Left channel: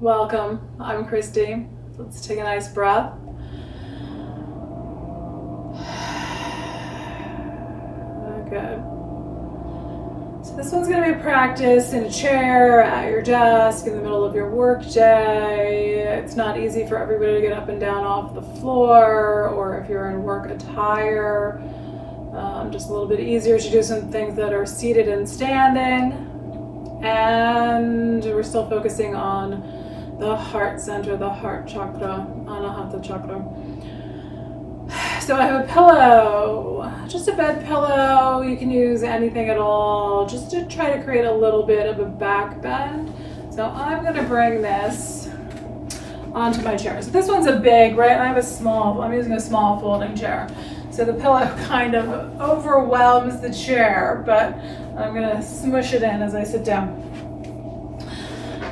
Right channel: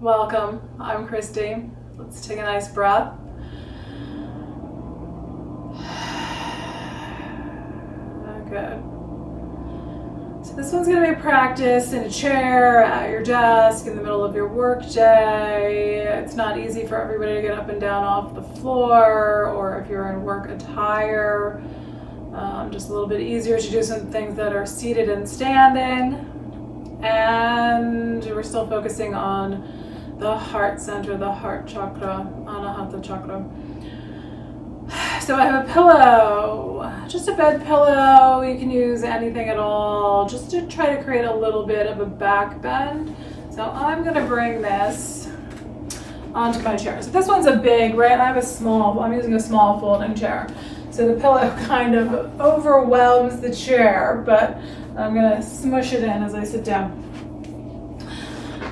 Welcome, I'm Christy. Let's take a nice breath. Good. So this one's going to be a practice in a chair, at your desk, in the middle of your work day. It's not easy for everybody to get up and down off the floor, or if you're in work attire, just a little bit easier to do some things that are seated and standing. And we're still focusing on the heart center, the heart chakra, Anahata chakra. So I have a pillow, just a bed pillow. You can use anything at all, just to try to create a little bit of a back bend. So I'm going to bring this onto my chair. So this one's a big, right? I'm using a small folding chair. So the pillow kind of overwhelms the chair, but I'm going to smush it in as I sit down.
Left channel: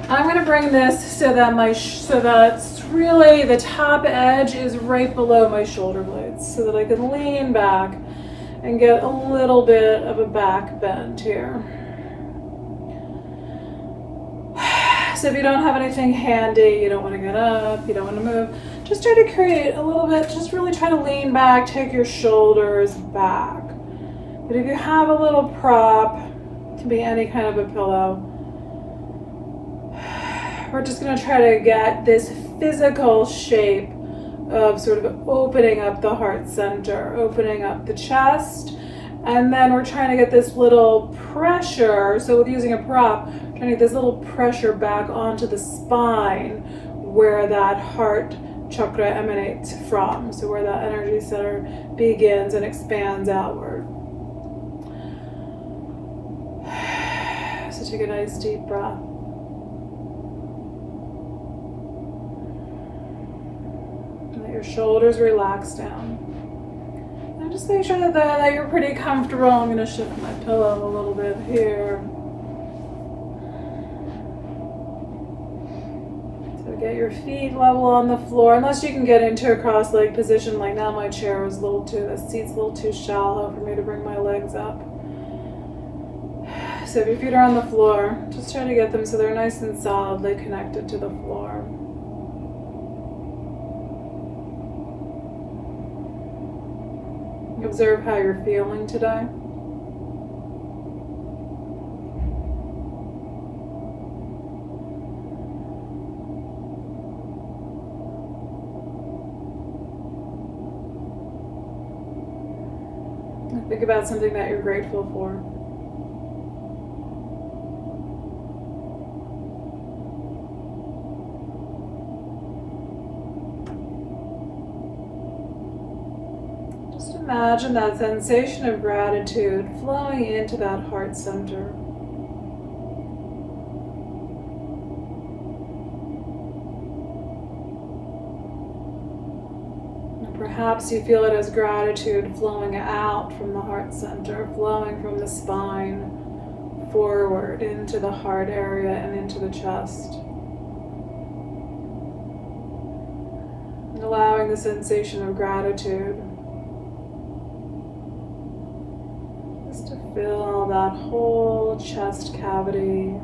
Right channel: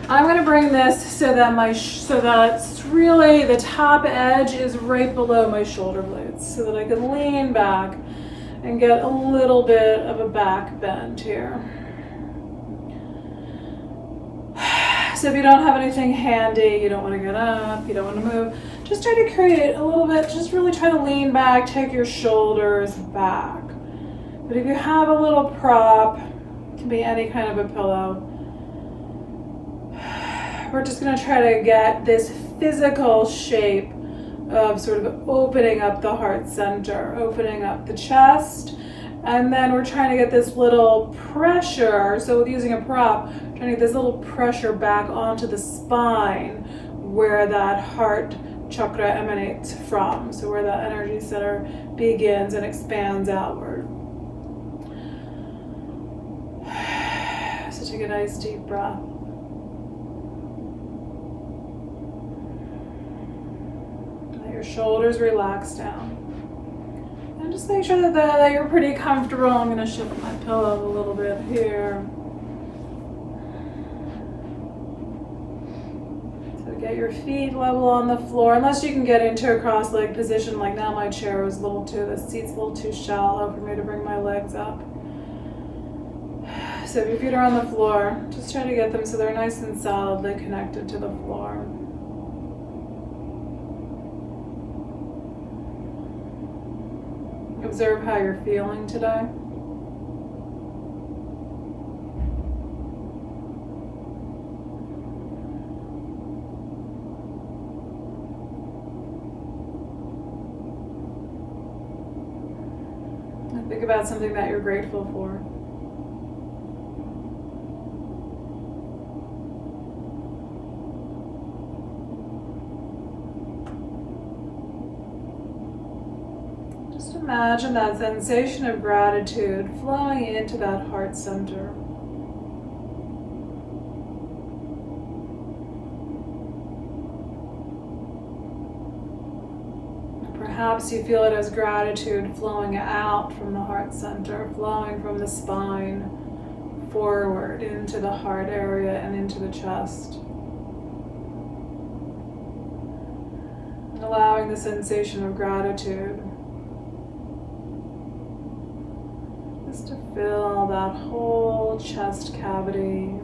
I'm going to bring this so that it's really the top edge is right below my shoulder blades, so that I can lean back and get a little bit of a back bend here. So if you don't have anything handy, you don't want to get up, you don't want to move, just try to create a little bit, just really try to lean back, take your shoulders back. But if you have a little prop, it can be any kind of a pillow, we're just going to try to get this physical shape of sort of opening up the heart center, opening up the chest, and then we're trying to get this little pressure, so with using a prop, trying to get this little pressure back onto the spine where that heart chakra emanates from, so where that energy center begins and expands outward. So take a nice deep breath. Your shoulders relax down. And just make sure that you're pretty comfortable. I'm going to shift my pillow a little bit here. So get your feet level on the floor, unless you can get into a cross-leg position. Like now my chair is the seat's a little too shallow for me to bring my legs up. So if your feet are on the floor, just try to get them so they're nice and solidly connected to the floor. Observe how you're feeling today. And think about something that you're grateful for. Imagine that sensation of gratitude flowing into that heart center. Perhaps you feel it as gratitude flowing out from the heart center, flowing from the spine forward into the heart area and into the chest. And allowing the sensation of gratitude to fill that whole chest cavity,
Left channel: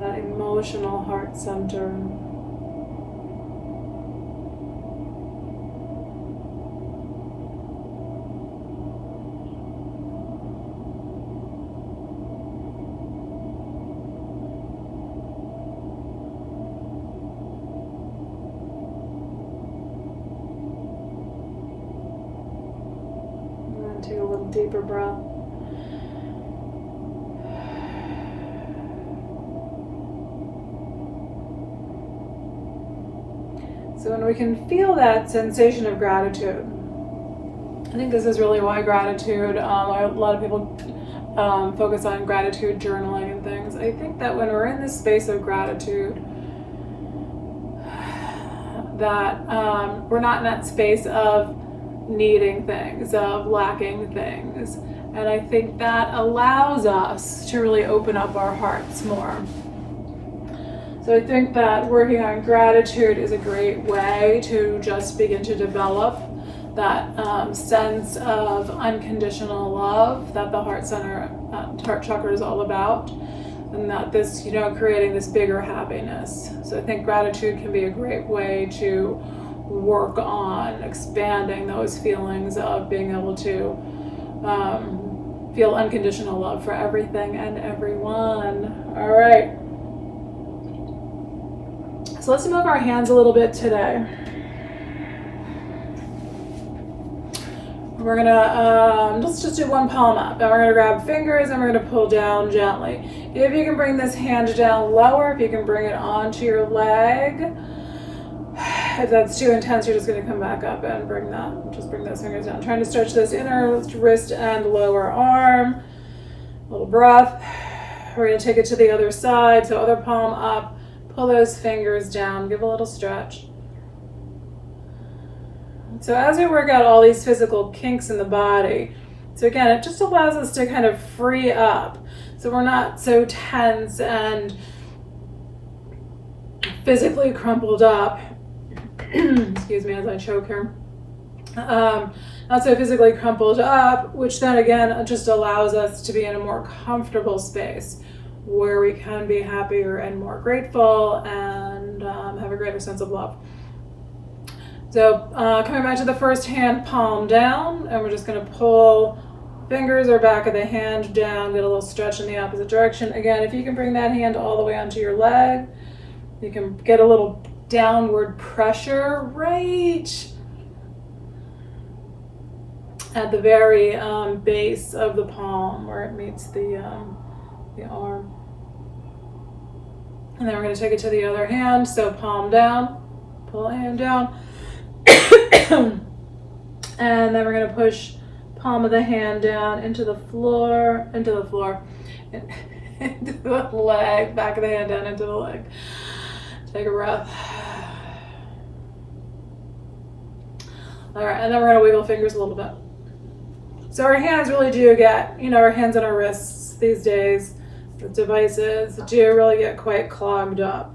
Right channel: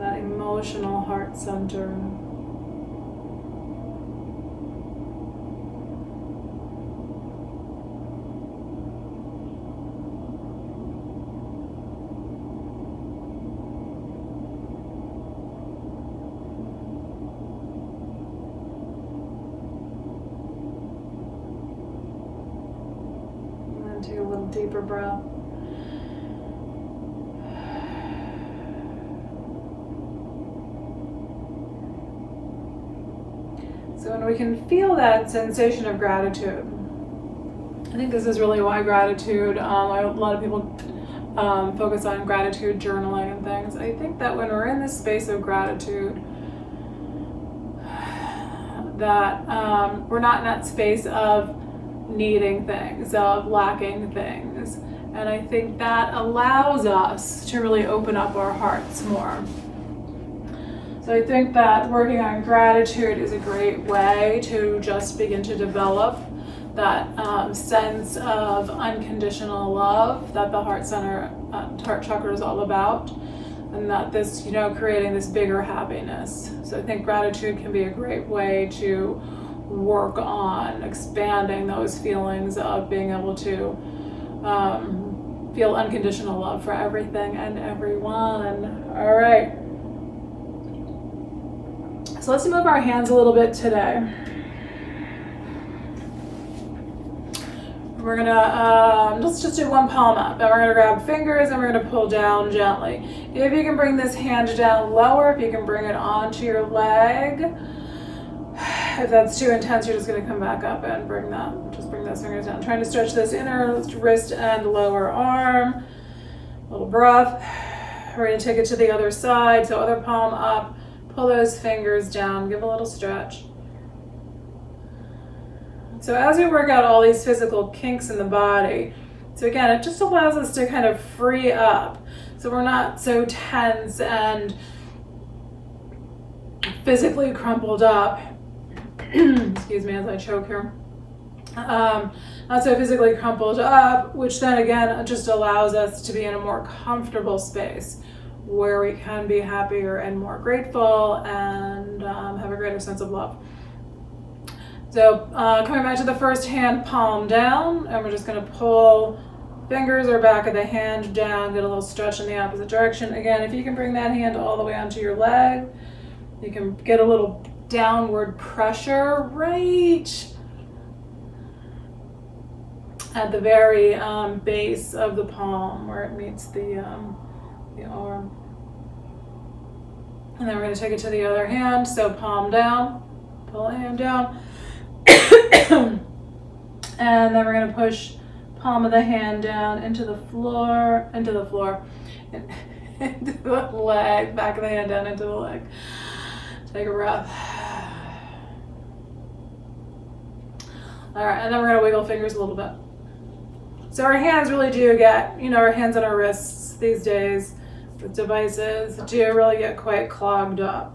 that emotional heart center. Take a little deeper breath. So when we can feel that sensation of gratitude, I think this is really why gratitude, a lot of people focus on gratitude journaling and things. I think that when we're in this space of gratitude, that we're not in that space of needing things, of lacking things. And I think that allows us to really open up our hearts more. So I think that working on gratitude is a great way to just begin to develop that sense of unconditional love that the heart center, heart chakra is all about. and not this, creating this bigger happiness. So I think gratitude can be a great way to work on expanding those feelings of being able to feel unconditional love for everything and everyone. All right. So let's move our hands a little bit today. We're gonna let's just do one palm up, and we're gonna grab fingers and we're gonna pull down gently. If you can bring this hand down lower, if you can bring it onto your leg. If that's too intense, you're just gonna come back up and bring those fingers down. Trying to stretch this inner wrist and lower arm. A little breath. We're gonna take it to the other side, so other palm up. Pull those fingers down, give a little stretch. So as we work out all these physical kinks in the body, so again, it just allows us to kind of free up. So we're not so tense and physically crumpled up. Excuse me as I choke here. Not so physically crumpled up, which then again just allows us to be in a more comfortable space where we can be happier and more grateful and have a greater sense of love. So coming back to the first hand, palm down, and we're just going to pull fingers or back of the hand down, get a little stretch in the opposite direction. Again, if you can bring that hand all the way onto your leg, you can get a little downward pressure right at the very base of the palm where it meets the arm. And then we're going to take it to the other hand. So palm down, pull the hand down. And then we're going to push palm of the hand down into the floor, into the leg, back of the hand down into the leg. Take a breath. All right, and then we're going to wiggle fingers a little bit. So our hands really do get, our hands and our wrists these days with devices do really get quite clogged up.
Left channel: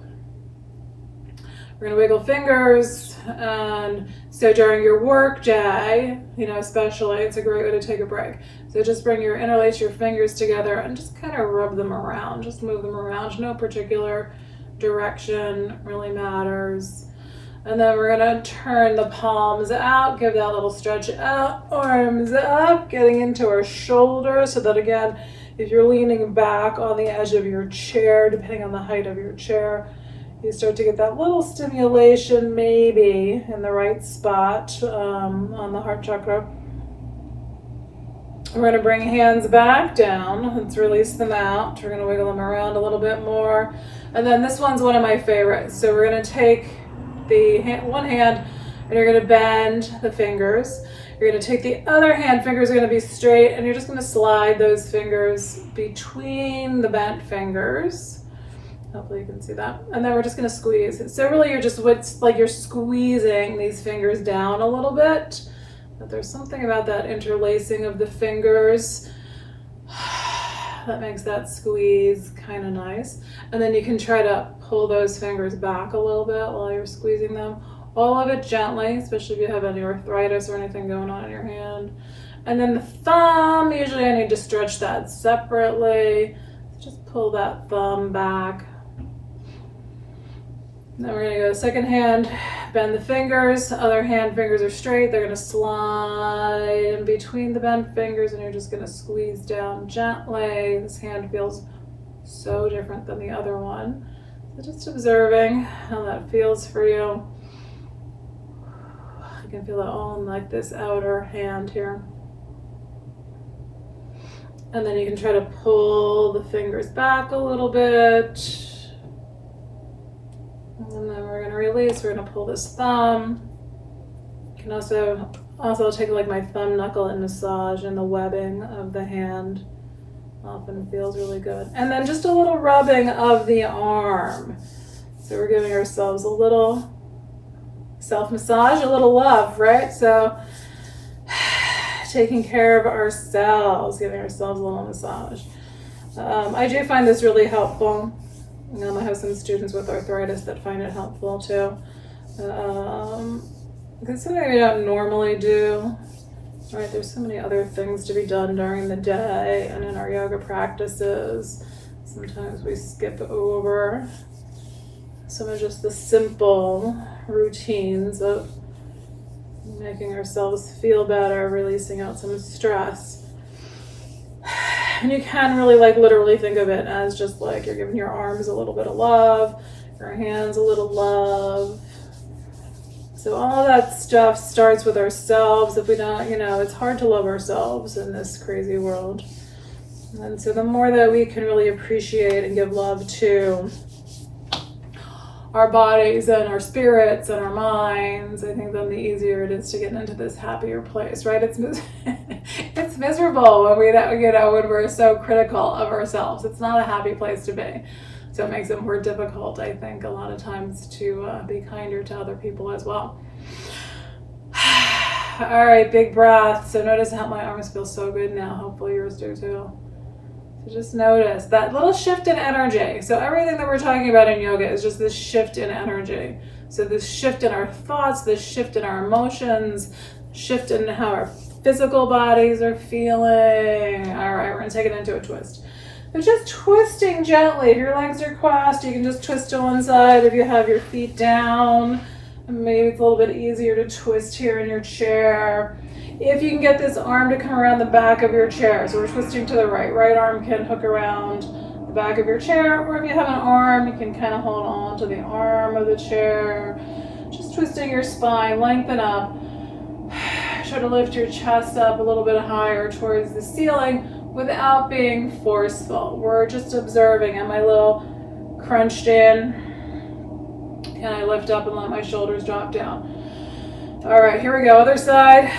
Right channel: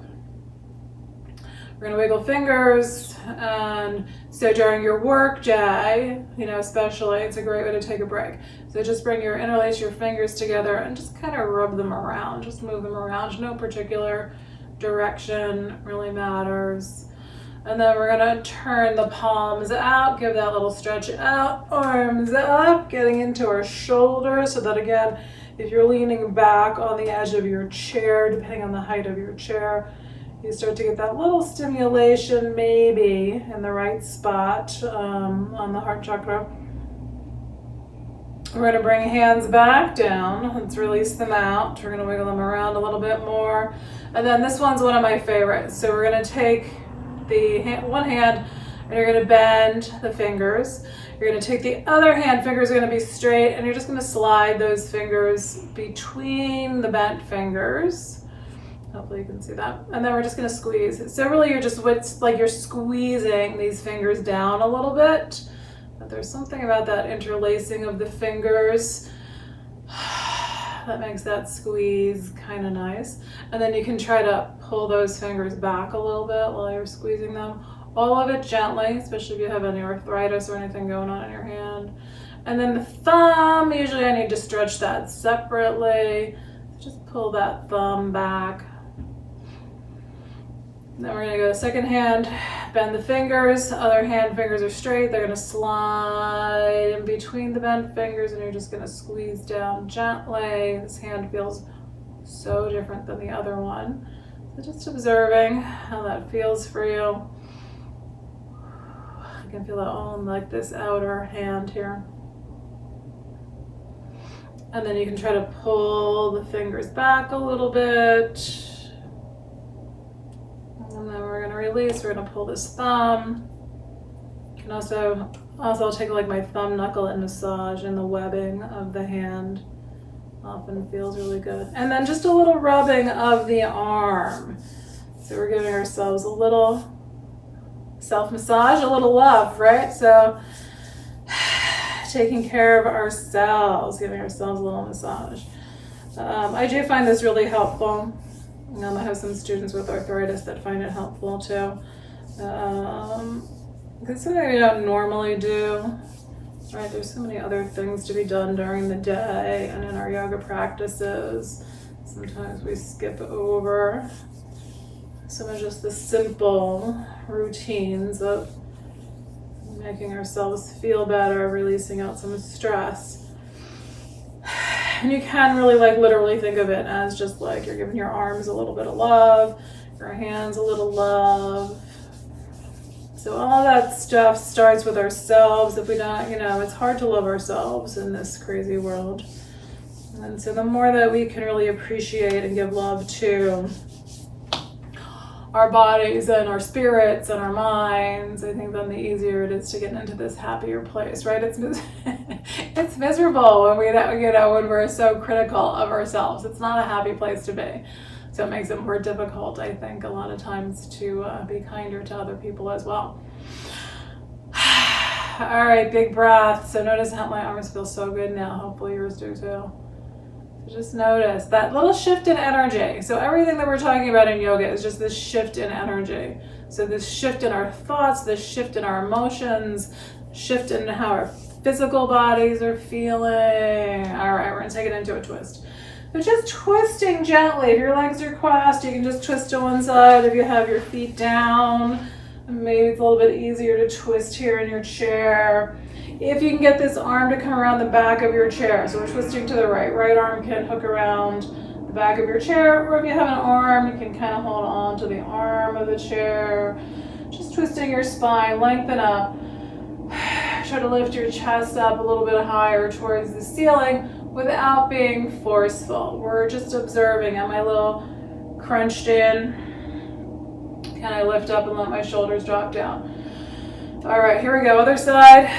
We're going to wiggle fingers, and so during your work day, especially, it's a great way to take a break. So just interlace your fingers together and just kind of rub them around, just move them around. No particular direction really matters. And then we're going to turn the palms out, give that little stretch out, arms up, getting into our shoulders, so that again, if you're leaning back on the edge of your chair, depending on the height of your chair, you start to get that little stimulation maybe in the right spot on the heart chakra. We're going to bring hands back down. Let's release them out. We're going to wiggle them around a little bit more. And then this one's one of my favorites. So we're going to take one hand and you're going to bend the fingers. You're going to take the other hand, fingers are going to be straight, and you're just going to slide those fingers between the bent fingers. Hopefully you can see that. And then we're just going to squeeze. So really it's like you're squeezing these fingers down a little bit. But there's something about that interlacing of the fingers that makes that squeeze kind of nice. And then you can try to pull those fingers back a little bit while you're squeezing them. All of it gently, especially if you have any arthritis or anything going on in your hand. And then the thumb, usually I need to stretch that separately. Just pull that thumb back. And then we're going to go second hand, bend the fingers. Other hand, fingers are straight. They're going to slide in between the bent fingers, and you're just going to squeeze down gently. This hand feels so different than the other one. So just observing how that feels for you. You can feel it all in like this outer hand here. And then you can try to pull the fingers back a little bit. And then we're going to release. We're going to pull this thumb. You can also I'll take like my thumb knuckle and massage in the webbing of the hand. Often feels really good. And then just a little rubbing of the arm. So we're giving ourselves a little self-massage, a little love, right? So taking care of ourselves, giving ourselves a little massage. I do find this really helpful. I have some students with arthritis that find it helpful too. It's something we don't normally do, right? There's so many other things to be done during the day and in our yoga practices. Sometimes we skip over some of just the simple routines of making ourselves feel better, releasing out some stress. And you can really literally think of it as just like you're giving your arms a little bit of love, your hands a little love. So all that stuff starts with ourselves. If we don't, it's hard to love ourselves in this crazy world. And so the more that we can really appreciate and give love to our bodies and our spirits and our minds, I think then the easier it is to get into this happier place, right? It's miserable when when we're so critical of ourselves. It's not a happy place to be. So it makes it more difficult, I think, a lot of times to be kinder to other people as well. All right, big breath. So notice how my arms feel so good now. Hopefully yours do too. So just notice that little shift in energy. So everything that we're talking about in yoga is just this shift in energy. So this shift in our thoughts, this shift in our emotions, shift in how our physical bodies are feeling. All right, we're gonna take it into a twist. So just twisting gently. If your legs are crossed, you can just twist to one side. If you have your feet down, maybe it's a little bit easier to twist here in your chair. If you can get this arm to come around the back of your chair. So we're twisting to the right. Right arm can hook around the back of your chair, or if you have an arm, you can kind of hold on to the arm of the chair. Just twisting your spine, lengthen up. Try to lift your chest up a little bit higher towards the ceiling without being forceful. We're just observing. Am I a little crunched in? Can I lift up and let my shoulders drop down? All right, here we go. Other side.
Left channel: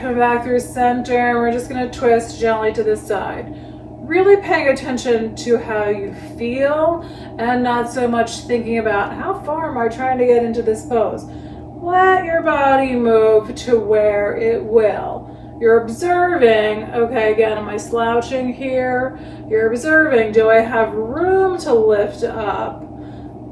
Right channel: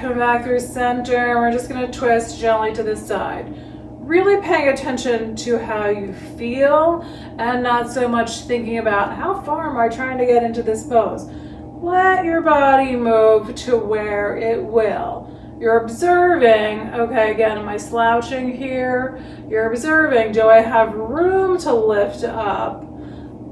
Come back through center. We're just going to twist gently to this side. Really paying attention to how you feel and not so much thinking about how far am I trying to get into this pose. Let your body move to where it will. You're observing, okay, again, am I slouching here? You're observing, do I have room to lift up?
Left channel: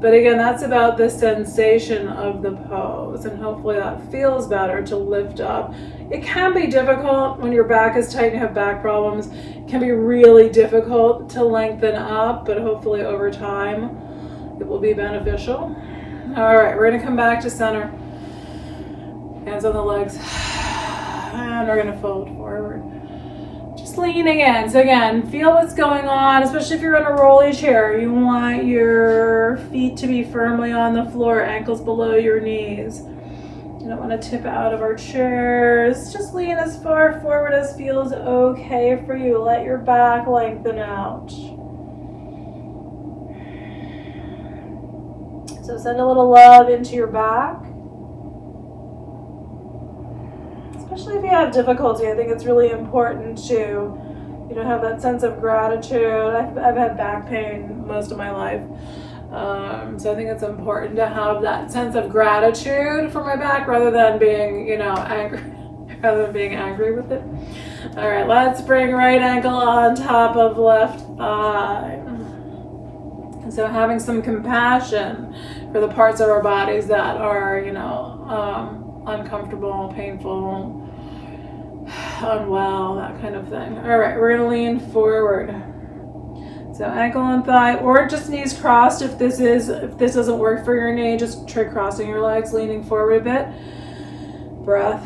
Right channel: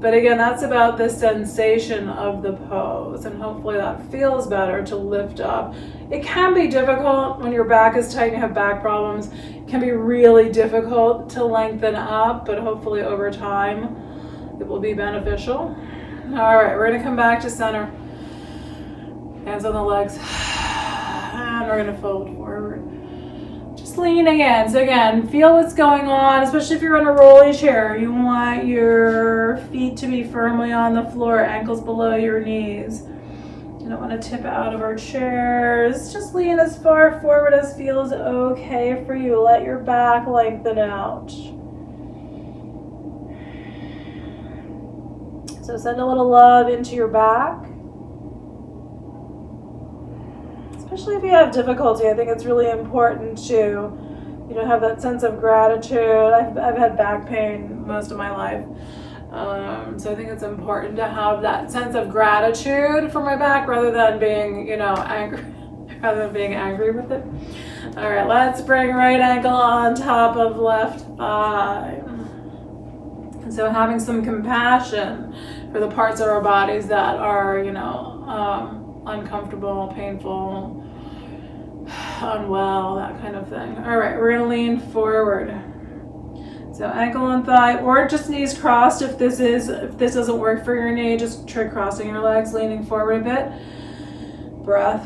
But again, that's about the sensation of the pose, and hopefully that feels better to lift up. It can be difficult when your back is tight and you have back problems. It can be really difficult to lengthen up, but hopefully over time it will be beneficial. All right, we're gonna come back to center. Hands on the legs. And we're gonna fold forward. Just leaning in. So again, feel what's going on, especially if you're in a rolly chair. You want your feet to be firmly on the floor, ankles below your knees. You don't want to tip out of our chairs. Just lean as far forward as feels okay for you. Let your back lengthen out. So send a little love into your back. Especially if you have difficulty, I think it's really important to, have that sense of gratitude. I've had back pain most of my life. So I think it's important to have that sense of gratitude for my back rather than being, angry with it. All right, let's bring right ankle on top of left thigh. And so having some compassion for the parts of our bodies that are, uncomfortable, painful, unwell, that kind of thing. All right, we're gonna lean forward. So ankle and thigh, or just knees crossed. If this doesn't work for your knee, just try crossing your legs, leaning forward a bit. Breath.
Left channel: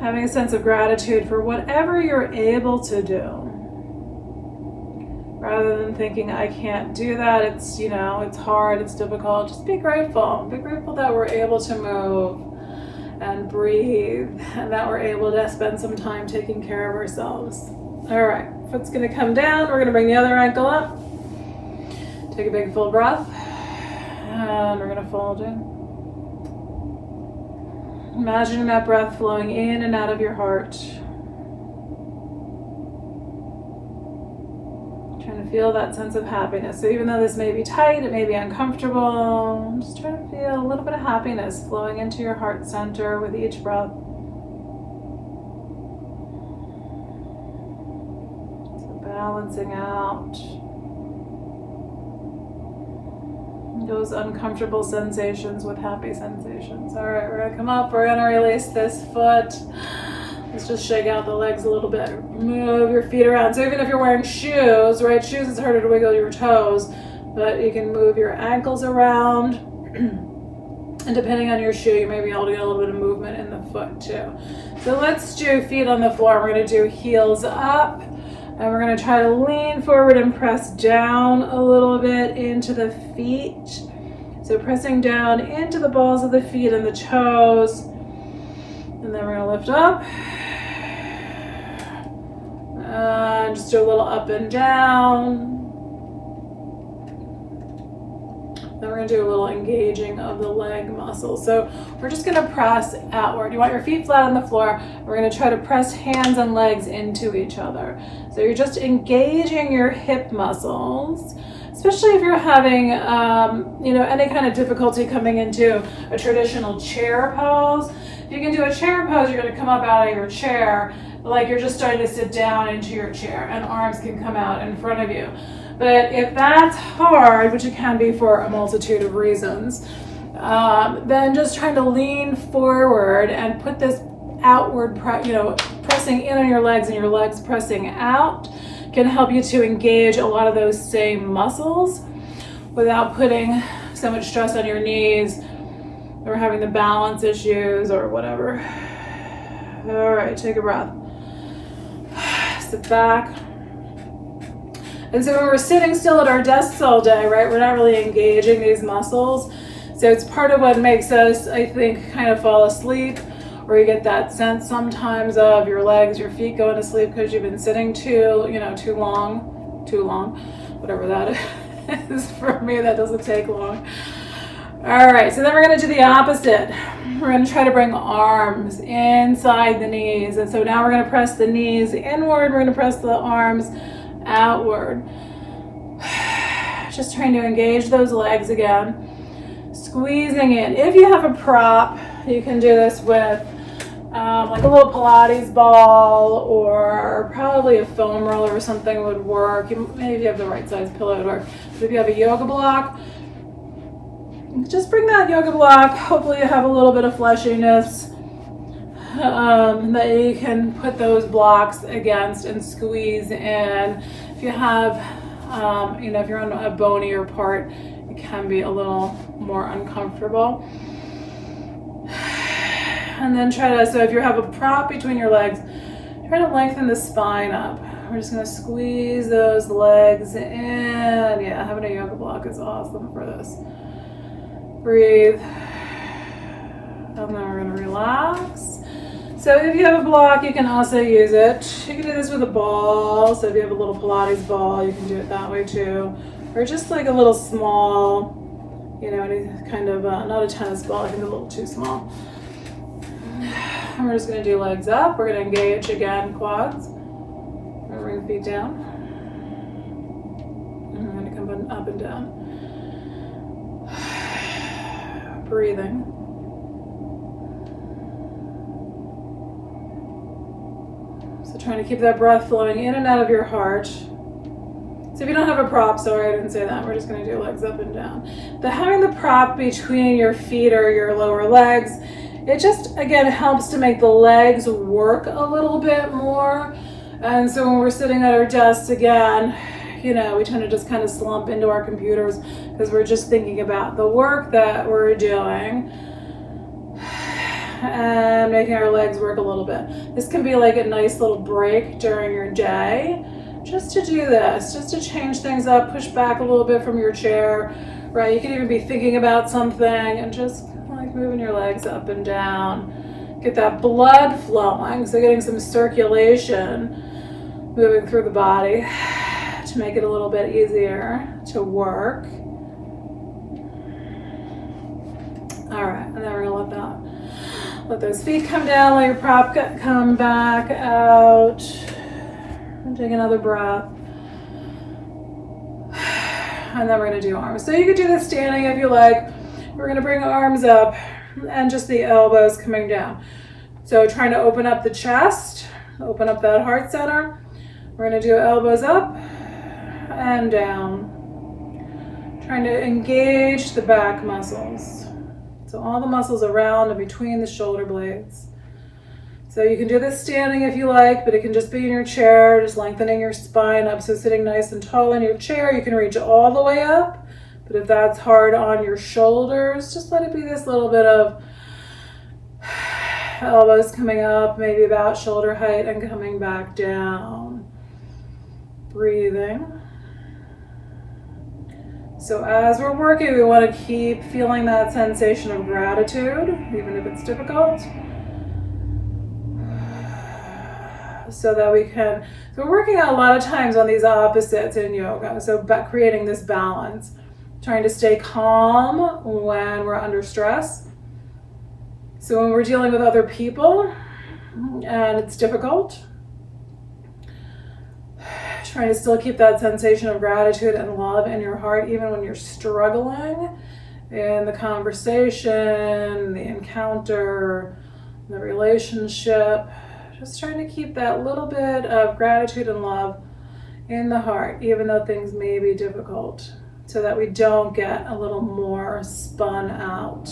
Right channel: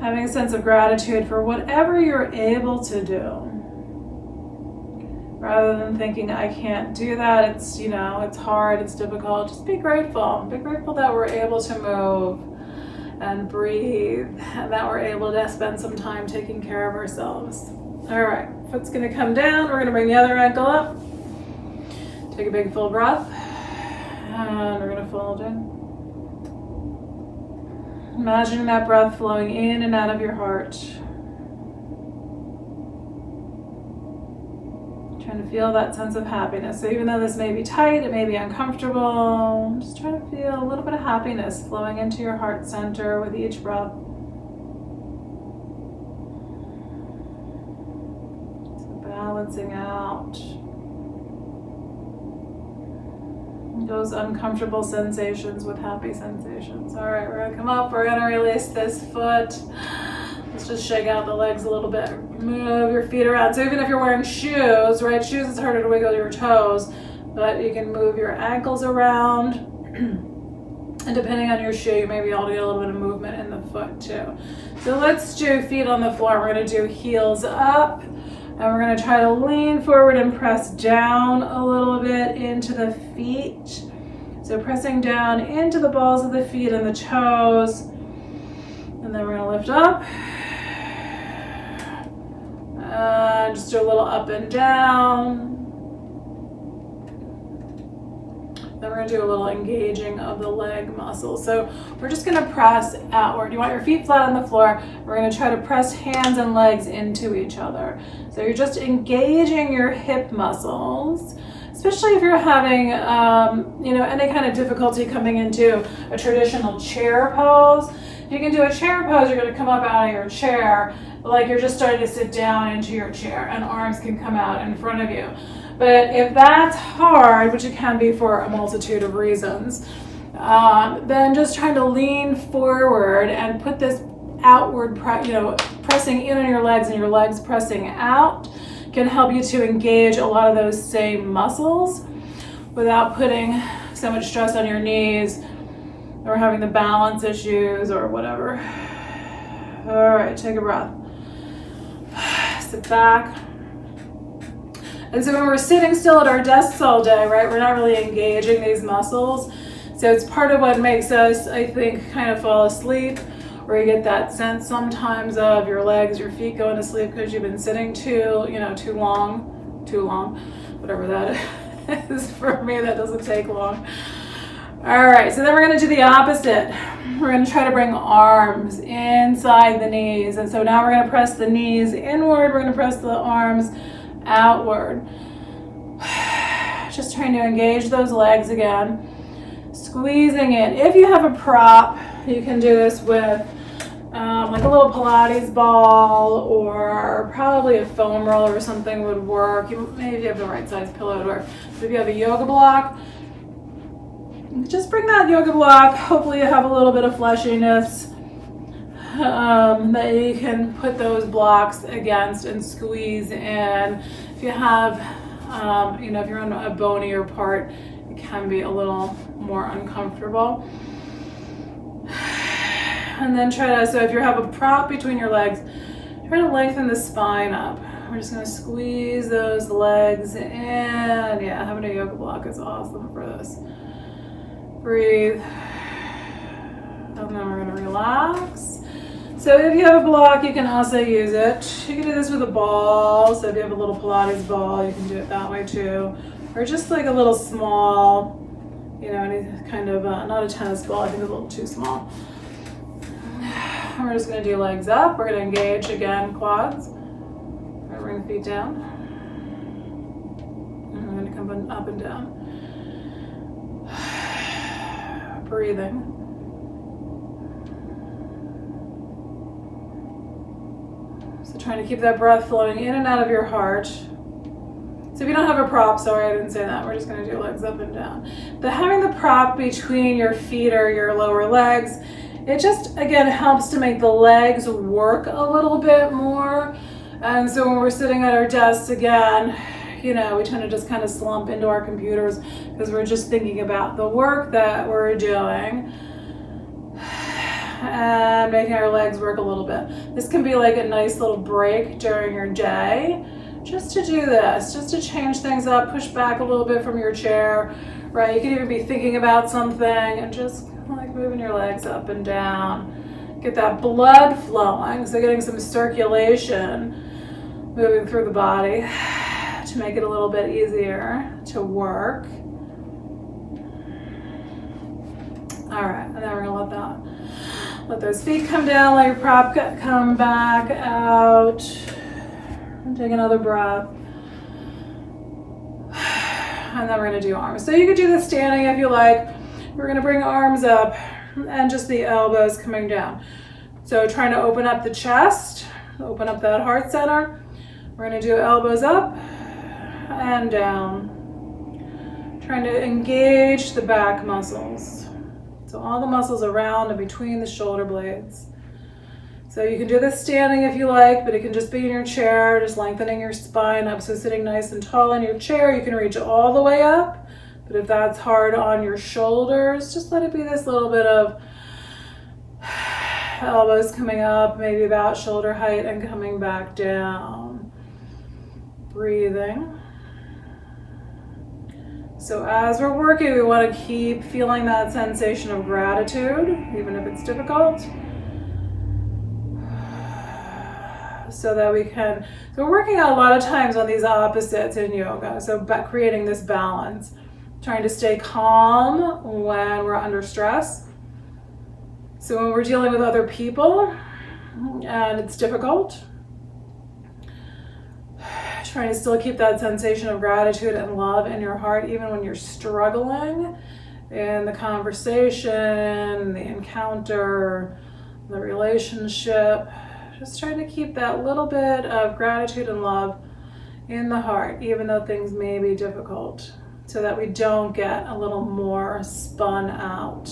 Having a sense of gratitude for whatever you're able to do. Rather than thinking, I can't do that, it's hard, it's difficult, just be grateful. Be grateful that we're able to move and breathe, and that we're able to spend some time taking care of ourselves. All right, foot's gonna come down, we're gonna bring the other ankle up. Take a big full breath, and we're gonna fold in. Imagine that breath flowing in and out of your heart. Trying to feel that sense of happiness. So even though this may be tight, it may be uncomfortable, just try to feel a little bit of happiness flowing into your heart center with each breath. So balancing out those uncomfortable sensations with happy sensations. All right, we're gonna come up, we're gonna release this foot. Let's just shake out the legs a little bit. Move your feet around. So even if you're wearing shoes, right? Shoes, it's harder to wiggle your toes, but you can move your ankles around. And depending on your shoe, you may be able to get a little bit of movement in the foot too. So let's do feet on the floor. We're going to do heels up. And we're going to try to lean forward and press down a little bit into the feet. So pressing down into the balls of the feet and the toes. And then we're going to lift up. Just do a little up and down. Then we're going to do a little engaging of the leg muscles. So we're just going to press outward. You want your feet flat on the floor. We're going to try to press hands and legs into each other. So you're just engaging your hip muscles, especially if you're having, any kind of difficulty coming into a traditional chair pose. If you can do a chair pose, you're going to come up out of your chair like you're just starting to sit down into your chair, and arms can come out in front of you. But if that's hard, which it can be for a multitude of reasons, then just trying to lean forward and put this outward, pressing in on your legs and your legs pressing out can help you to engage a lot of those same muscles without putting so much stress on your knees or having the balance issues or whatever. All right, take a breath. Sit back. And so when we're sitting still at our desks all day, right, we're not really engaging these muscles. So it's part of what makes us, I think, kind of fall asleep, or you get that sense sometimes of your legs, your feet going to sleep because you've been sitting too long, whatever that is. For me, that doesn't take long. All right, so then we're going to do the opposite. We're going to try to bring arms inside the knees. And so now we're going to press the knees inward. We're going to press the arms outward. Just trying to engage those legs again. Squeezing in. If you have a prop, you can do this with like a little Pilates ball, or probably a foam roller or something would work. Maybe if you have the right size pillow, it would work. But if you have a yoga block, just bring that yoga block. Hopefully you have a little bit of fleshiness that you can put those blocks against and squeeze in. If you have, if you're on a bonier part, it can be a little more uncomfortable. And then so if you have a prop between your legs, try to lengthen the spine up. We're just going to squeeze those legs in. Yeah, having a yoga block is awesome for this. Breathe. And then we're going to relax. So if you have a block, you can also use it. You can do this with a ball. So if you have a little Pilates ball, you can do it that way too. Or just like a little small, any kind of, not a tennis ball, I think a little too small. And we're just going to do legs up. We're going to engage again, quads. And bring the feet down. And we're going to come up and down. Breathing. So trying to keep that breath flowing in and out of your heart. So if you don't have a prop, sorry I didn't say that, we're just going to do legs up and down. But having the prop between your feet or your lower legs, it just, again, helps to make the legs work a little bit more. And so when we're sitting at our desks again, we tend to just kind of slump into our computers because we're just thinking about the work that we're doing and making our legs work a little bit. This can be like a nice little break during your day just to do this, just to change things up, push back a little bit from your chair, right? You could even be thinking about something and just like moving your legs up and down. Get that blood flowing, so getting some circulation moving through the body to make it a little bit easier to work. All right, and then we're gonna let those feet come down, let your prop come back out. And take another breath. And then we're gonna do arms. So you could do this standing if you like. We're gonna bring arms up and just the elbows coming down. So trying to open up the chest, open up that heart center. We're gonna do elbows up and down. Trying to engage the back muscles. So all the muscles around and between the shoulder blades. So you can do this standing if you like, but it can just be in your chair, just lengthening your spine up. So sitting nice and tall in your chair, you can reach all the way up. But if that's hard on your shoulders, just let it be this little bit of elbows coming up, maybe about shoulder height, and coming back down. Breathing. So as we're working, we want to keep feeling that sensation of gratitude, even if it's difficult. So that we can, so we're working a lot of times on these opposites in yoga. So creating this balance, trying to stay calm when we're under stress. So when we're dealing with other people and it's difficult, trying to still keep that sensation of gratitude and love in your heart, even when you're struggling in the conversation, the encounter, the relationship. Just trying to keep that little bit of gratitude and love in the heart, even though things may be difficult, so that we don't get a little more spun out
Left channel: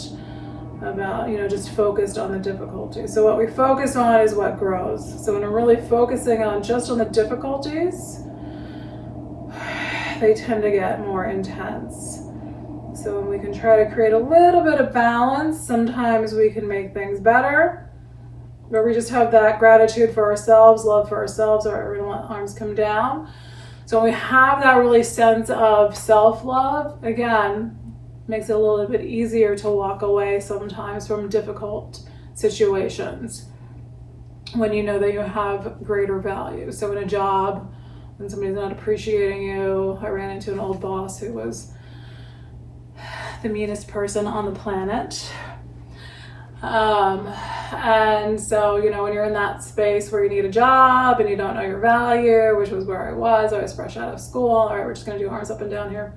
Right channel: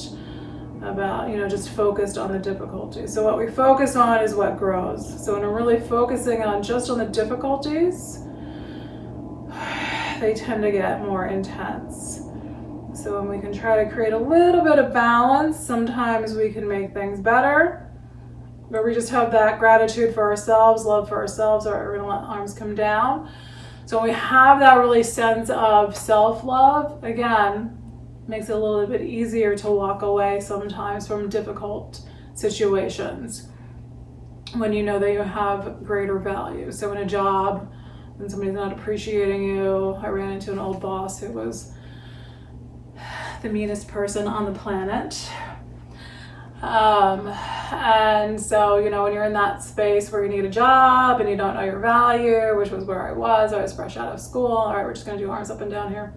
about, just focused on the difficulty. So what we focus on is what grows. So when we're really focusing on just on the difficulties, they tend to get more intense. So when we can try to create a little bit of balance, sometimes we can make things better, where we just have that gratitude for ourselves, love for ourselves, or we let arms come down. So when we have that really sense of self-love, again, makes it a little bit easier to walk away sometimes from difficult situations when you know that you have greater value. So in a job, when somebody's not appreciating you, I ran into an old boss who was the meanest person on the planet. And so, when you're in that space where you need a job and you don't know your value, which was where I was fresh out of school. All right, we're just going to do arms up and down here.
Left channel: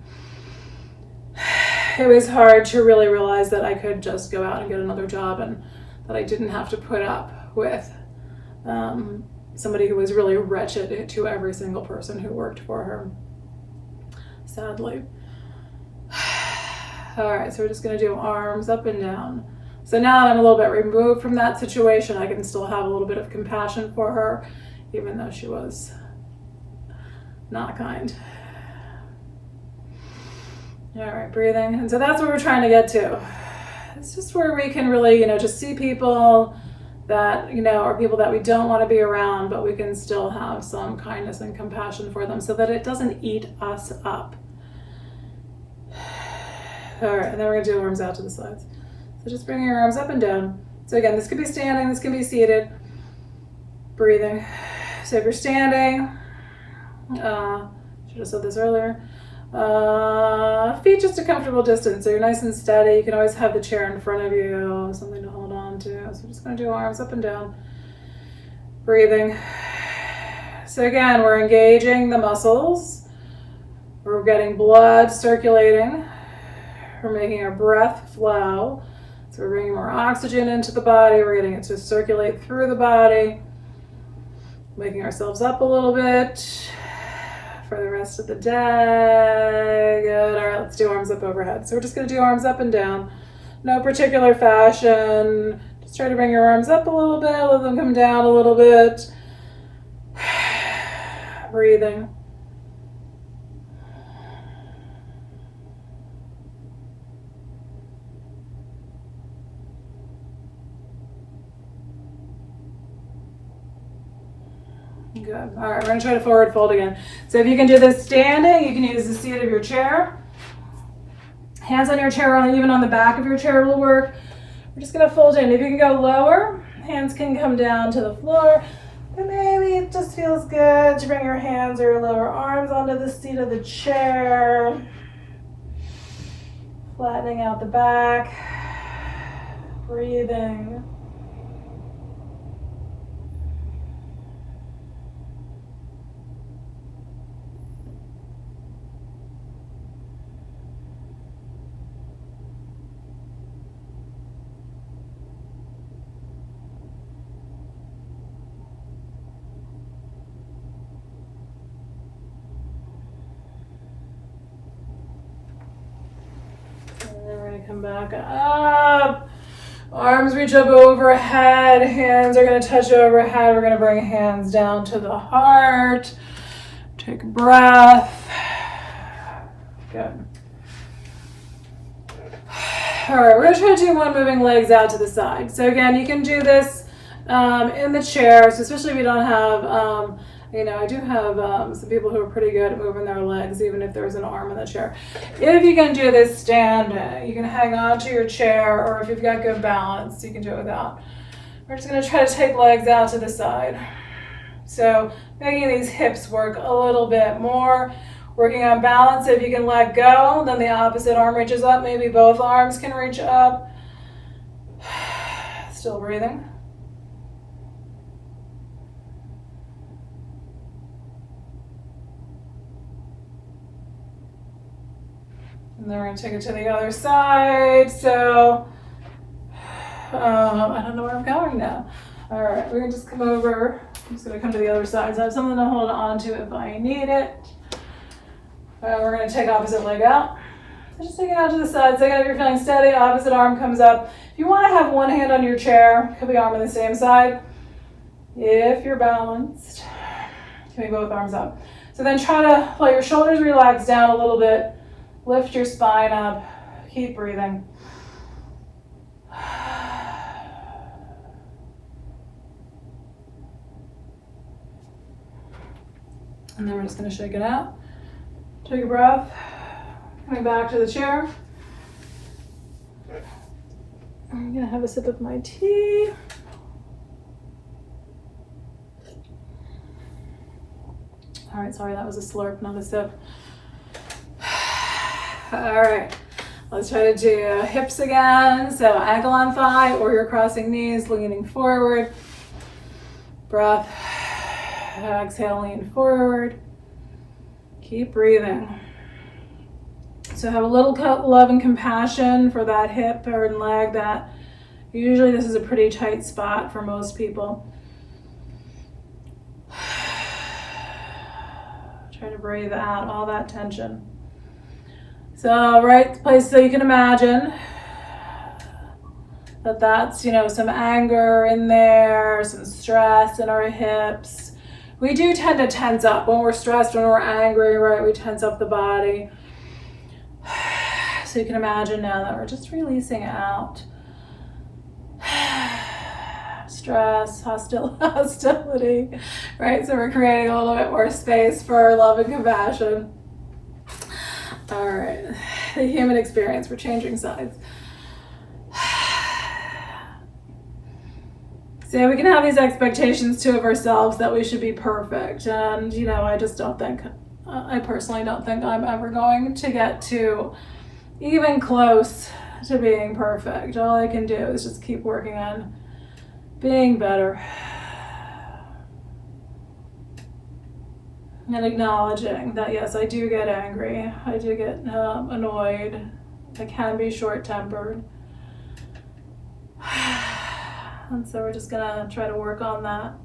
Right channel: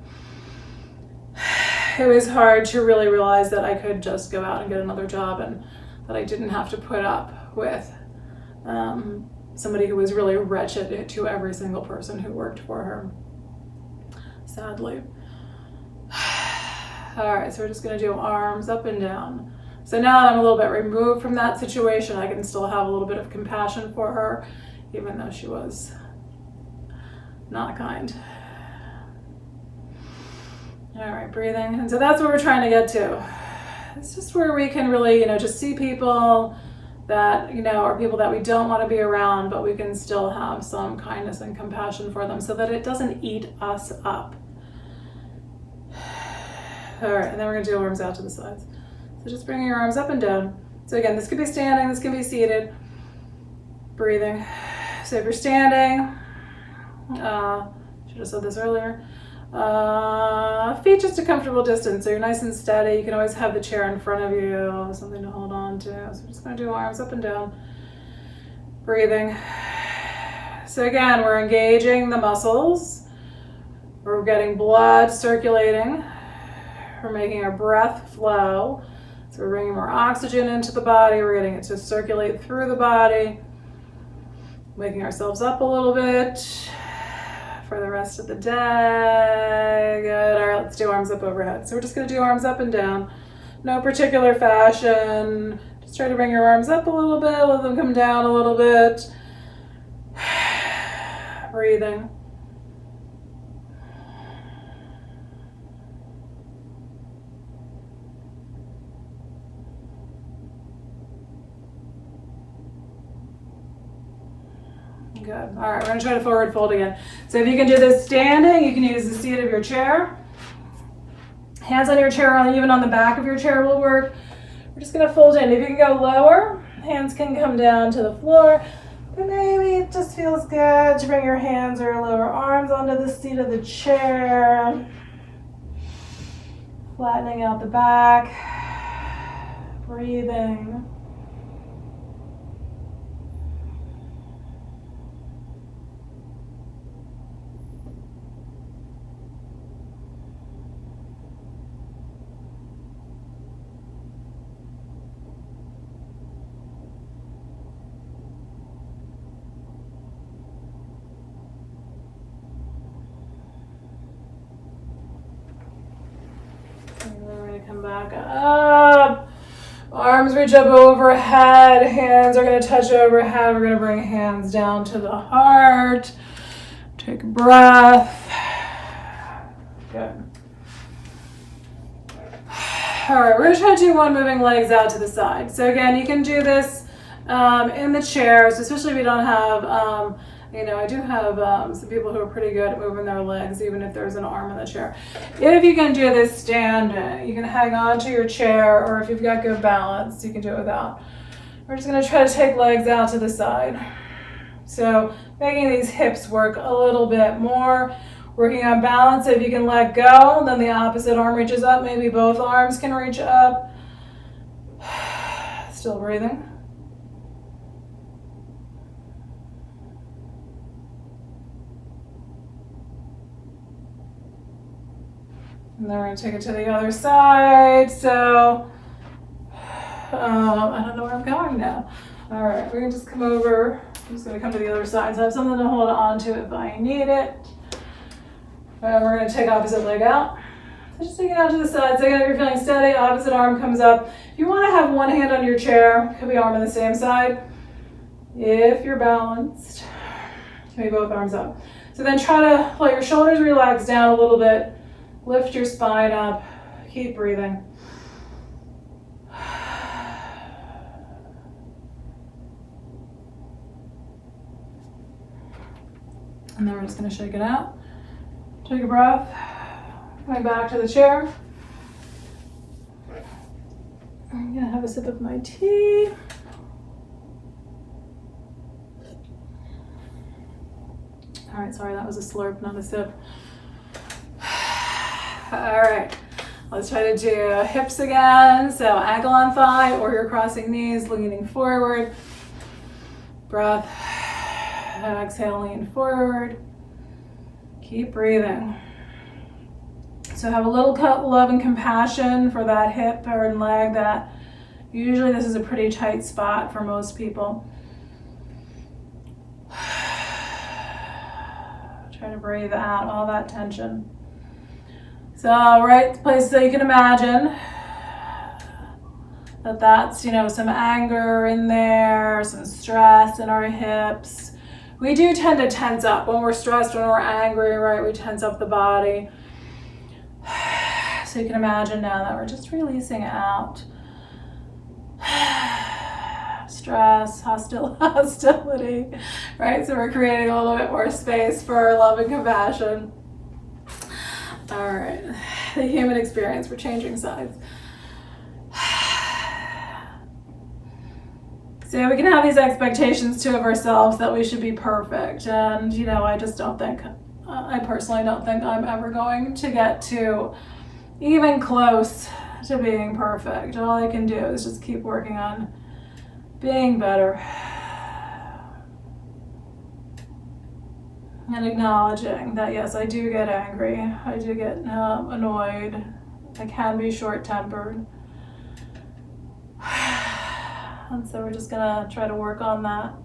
It was hard to really realize that I could just go out and get another job and that I didn't have to put up with somebody who was really wretched to every single person who worked for her, sadly. All right, so we're just going to do arms up and down. So now that I'm a little bit removed from that situation, I can still have a little bit of compassion for her, even though she was not kind. All right, breathing. And so that's what we're trying to get to. It's just where we can really, just see people that, are people that we don't want to be around, but we can still have some kindness and compassion for them so that it doesn't eat us up. All right, and then we're going to do arms out to the sides. So just bring your arms up and down. So again, this could be standing, this can be seated. Breathing. So if you're standing, should have said this earlier, feet just a comfortable distance. So you're nice and steady. You can always have the chair in front of you, something to hold on to. So we're just going to do arms up and down. Breathing. So again, we're engaging the muscles. We're getting blood circulating. We're making our breath flow. So we're bringing more oxygen into the body. We're getting it to circulate through the body. Waking ourselves up a little bit for the rest of the day. Good. All right, let's do arms up overhead. So we're just going to do arms up and down. No particular fashion. Just try to bring your arms up a little bit. Let them come down a little bit. Breathing. Good. All right, we're going to try to forward fold again. So if you can do this standing, you can use the seat of your chair. Hands on your chair, or even on the back of your chair will work. We're just going to fold in. If you can go lower, hands can come down to the floor. But maybe it just feels good to bring your hands or lower arms onto the seat of the chair. Flattening out the back. Breathing. Come back up. Arms reach up overhead. Hands are going to touch overhead. We're going to bring hands down to the heart. Take a breath. Good. All right, we're going to try to do one moving legs out to the side. So again, you can do this in the chair, so especially if you don't have, I do have some people who are pretty good at moving their legs, even if there's an arm in the chair. If you can do this standing, you can hang on to your chair, or if you've got good balance, you can do it without. We're just going to try to take legs out to the side. So making these hips work a little bit more. Working on balance. If you can let go, then the opposite arm reaches up. Maybe both arms can reach up. Still breathing. And then we're going to take it to the other side. So, I don't know where I'm going now. All right, we're going to just come over. I'm just going to come to the other side. So I have something to hold on to if I need it. We're going to take opposite leg out. So just take it out to the side. So again, if you're feeling steady, opposite arm comes up. If you want to have one hand on your chair, could be arm on the same side. If you're balanced, can be both arms up. So then try to let your shoulders relax down a little bit. Lift your spine up. Keep breathing. And then we're just going to shake it out. Take a breath. Coming back to the chair. I'm going to have a sip of my tea. All right, sorry, that was a slurp, not a sip. All right, let's try to do hips again. So ankle on thigh, or you're crossing knees, leaning forward. Breath. Exhale, lean forward. Keep breathing. So have a little love and compassion for that hip or leg. That usually this is a pretty tight spot for most people. Try to breathe out all that tension. So right place, so you can imagine that that's, some anger in there, some stress in our hips. We do tend to tense up when we're stressed, when we're angry, right? We tense up the body. So you can imagine now that we're just releasing out stress, hostility, right? So we're creating a little bit more space for our love and compassion. All right, the human experience, we're changing sides. So we can have these expectations too of ourselves that we should be perfect. And, I just don't think, I personally don't think I'm ever going to get to even close to being perfect. All I can do is just keep working on being better. And acknowledging that, yes, I do get angry. I do get annoyed. I can be short-tempered. And so we're just gonna try to work on that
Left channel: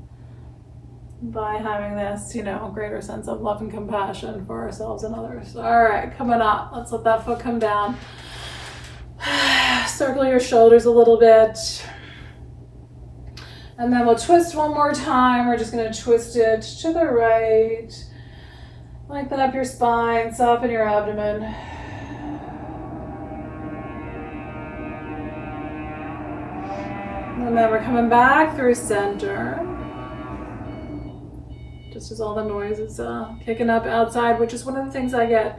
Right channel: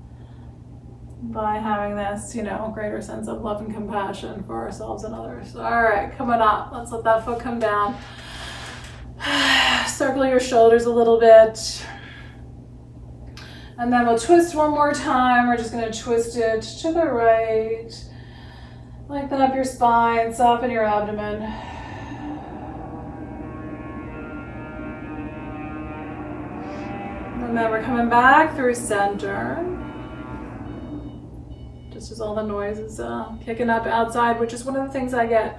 by having this, greater sense of love and compassion for ourselves and others. All right, coming up. Let's let that foot come down. Circle your shoulders a little bit. And then we'll twist one more time. We're just gonna twist it to the right. Lengthen up your spine, soften your abdomen. And then we're coming back through center. Just as all the noise is kicking up outside, which is one of the things I get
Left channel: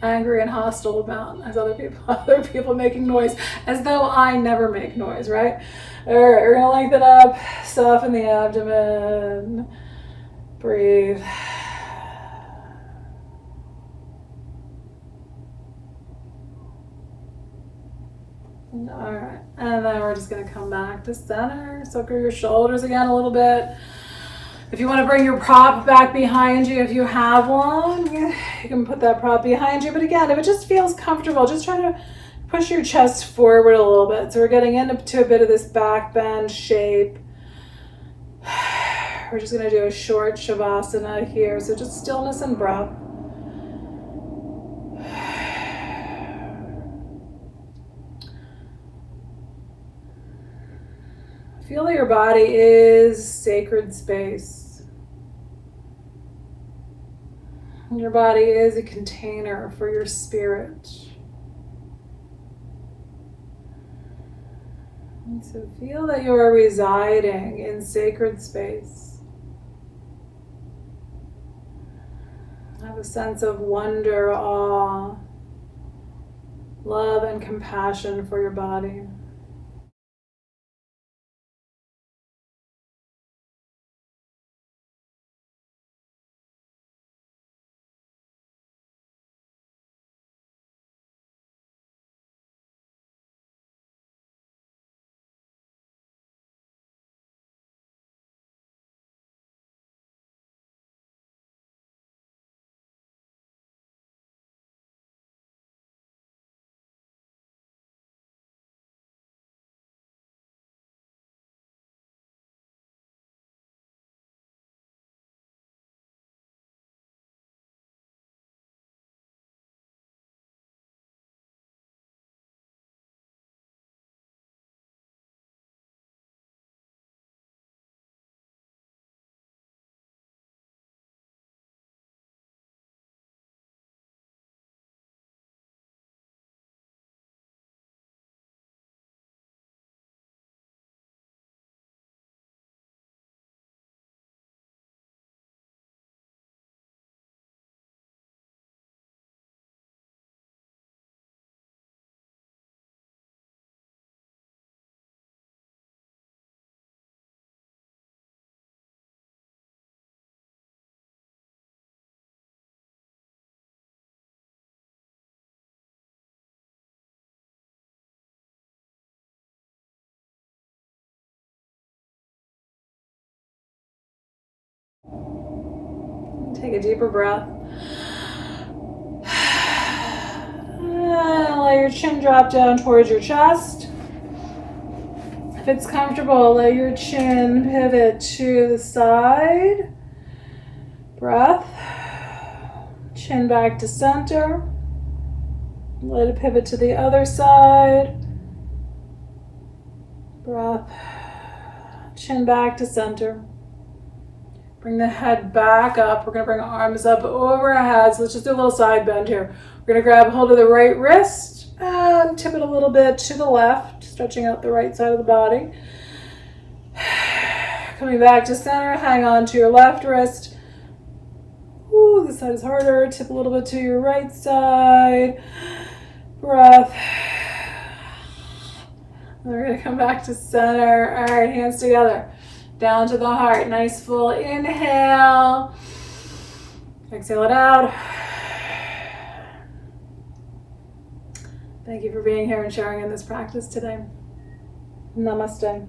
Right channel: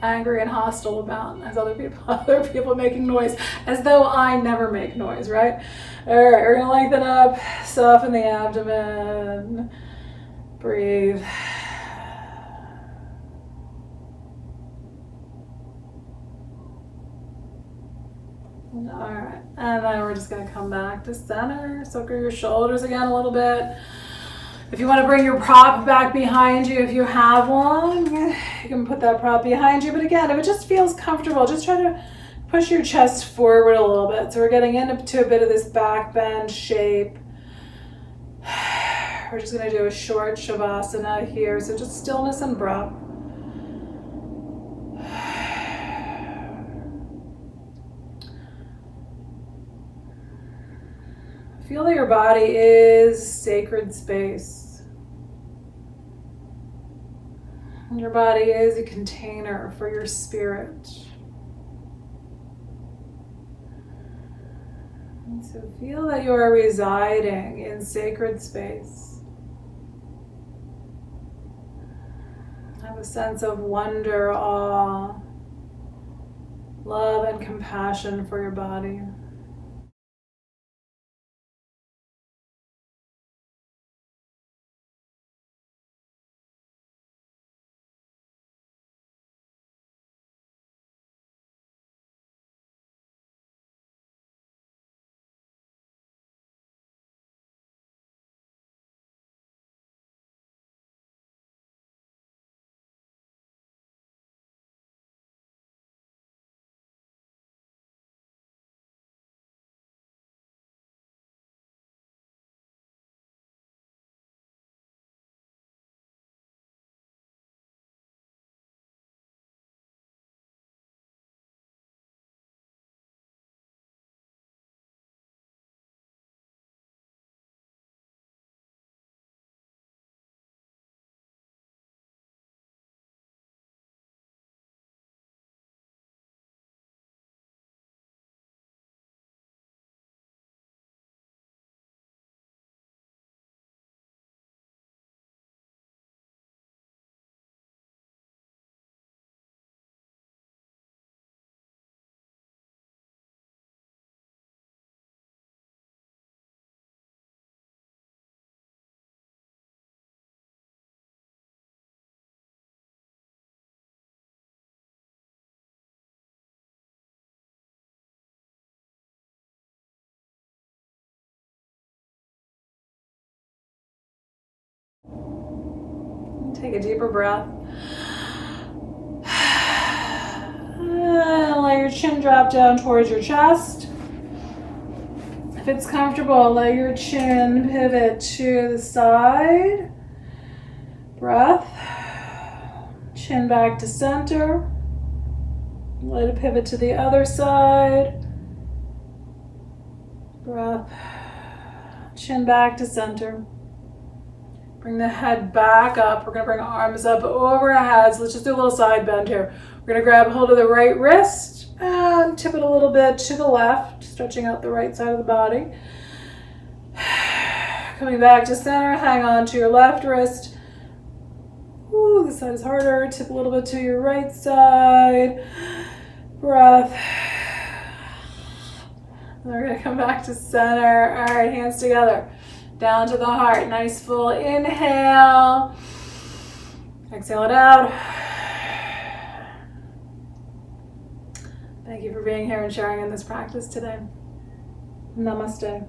angry and hostile about, as other people making noise, as though I never make noise, right? All right, we're gonna lengthen up, soften the abdomen, breathe. All right, and then we're just gonna come back to center. Circle your shoulders again a little bit. If you want to bring your prop back behind you, if you have one, you can put that prop behind you. But again, if it just feels comfortable, just try to push your chest forward a little bit. So we're getting into a bit of this back bend shape. We're just gonna do a short shavasana here. So just stillness and breath. feel that your body is sacred space. Your body is a container for your spirit. And so feel that you are residing in sacred space. Have a sense of wonder, awe, love, and compassion for your body. Take a deeper breath. And let your chin drop down towards your chest. If it's comfortable, let your chin pivot to the side. Breath. Chin back to center. Let it pivot to the other side. Breath. Chin back to center. Bring the head back up. We're going to bring arms up over our heads. Let's just do a little side bend here. We're going to grab hold of the right wrist and tip it a little bit to the left, stretching out the right side of the body. Coming back to center, hang on to your left wrist. Ooh, this side is harder. Tip a little bit to your right side. Breath. And we're going to come back to center. All right, hands together. Down to the heart. Nice full inhale. Exhale it out. Thank you for being here and sharing in this practice today. Namaste.